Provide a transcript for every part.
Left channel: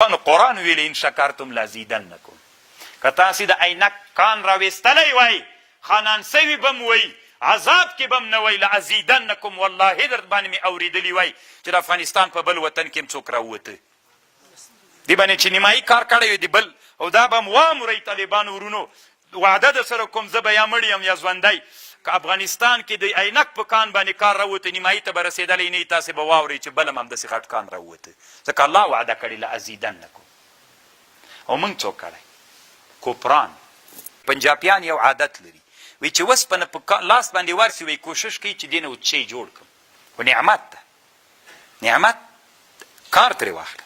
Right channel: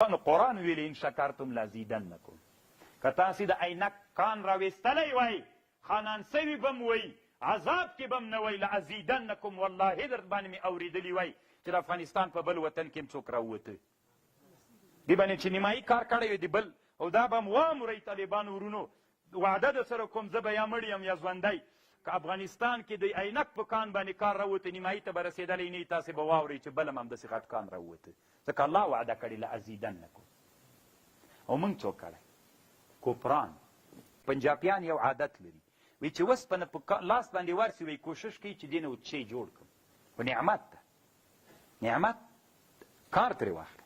قرآن ویلی ان شکرتم لازیدنکم که تاسې د عینک کان راویستلی وای خانان سوي بم وی عذاب کې بم نه وی لازیدنکم والله در باندې مې اورېدلي وای چې د افغانستان په بل وطن کې هم څوک راووته دې باندې چې نیمایي کار کړی وي د بل او دا به م وامرئ طالبانو ورونو وعده در سره کوم زه به یا مړ یم یا ژوندی که افغانستان کې د عینک په کان باندې کار راووته نیمایي ته به رسېدلی نه تاسې به واورئ چې بل هم همداسې غټ کان راووته ځکه الله وعده کړې لازیدنکم او موږ څوک کړی کوپران پنجابیان یو عادت لري وی چې وسپنه په لاس باندې ورسي وی کوشش کوي چې دې نه چی جوړ کړم خو نعمت ده نعمت کار ترې واخله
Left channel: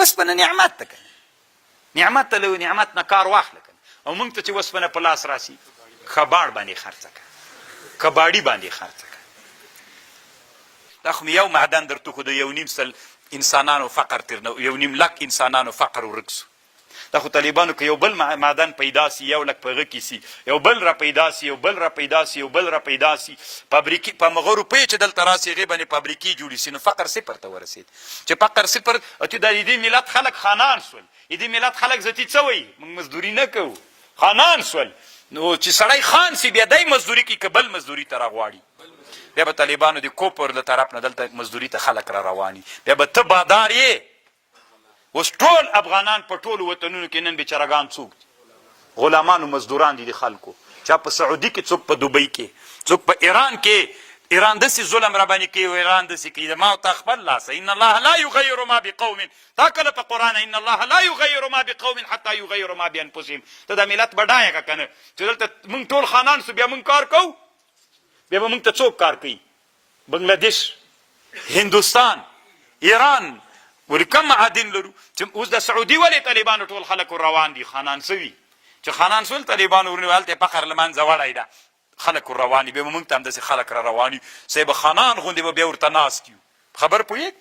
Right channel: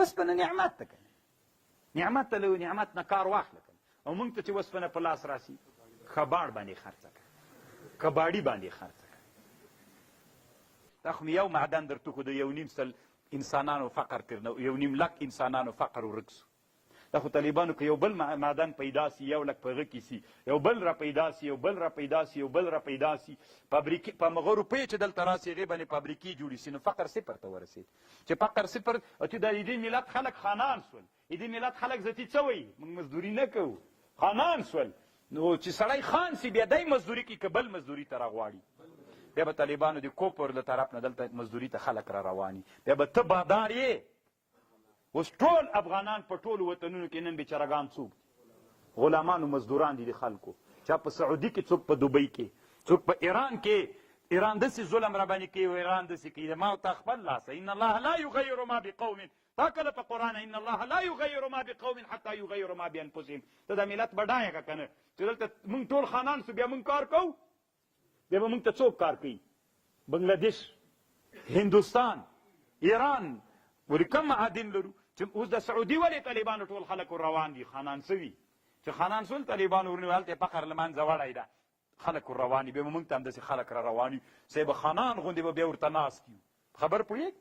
وسپنه نعمت ده کنه نعمت ته له نعمت نه کار واخله کنه او موږ ته چې وسپنه په لاس راسي خباړ باندې خرڅه کړه کباړي باندې خرڅه کړه دا خو مې یو معدن درته خو د 1.5 سل انسانانو فقر تر 1.5 لک انسانانو فقر ورک سو دا خو طالبانو که یو بل معدن پیدا سی 1 لک په هغه کې سي یو بل را پیدا سی یو بل را پیدا سی یو بل را پیدا سی فابریکې په مغه روپۍ چې دلته راسي هغې باندې فابریکې جوړې سي نو فقر صفر ته ورسېد چې فقر صفر ته د دې ملت خلک خانان سول دې ملت خلک ذاتي څه وایي موږ مزدوري نه کوو خانان سول نو چې سړی خان سي بیا دی مزدوري کوي که بل مزدوري ته راغواړي بیا به طالبانو د کوپر له طرف نه دلته مزدوري ته خلک را رواني بیا به ته بادار یې اوس ټول افغانان په ټولو وطنونو کې نن بېچارهګان څوک دي غلامان و مزدوران دي د خلکو چا په سعودي کې څوک په دوبۍ کې څوک په ایران کې ایران داسې ظلم را باندې کوي او ایران داسې کوي د ما تا خپل لاسه ان الله لا یغیر ما بقوم تا کله په قرآن ان الله لا یغیر ما بقوم حتی یغیر ما بانفسهم ته دا ملت بډایه که که نه چې دلته موږ ټول خانان سو بیا موږ کار کوو بیا به موږ ته څوک کار کوي بنګلادیش هندوستان ایران ولې کم معادن لرو چې اوس د سعودي ولې طالبانو ټول خلک روان دي خانان سوي چې خانان سول طالبانو ورنه هلته فقر له منځه وړی ده خلک روان دي بیا به موږ ته همداسې خلک را روان یو صاحب خانان غوندې به بیا ورته ناست یو خبر پوهېږ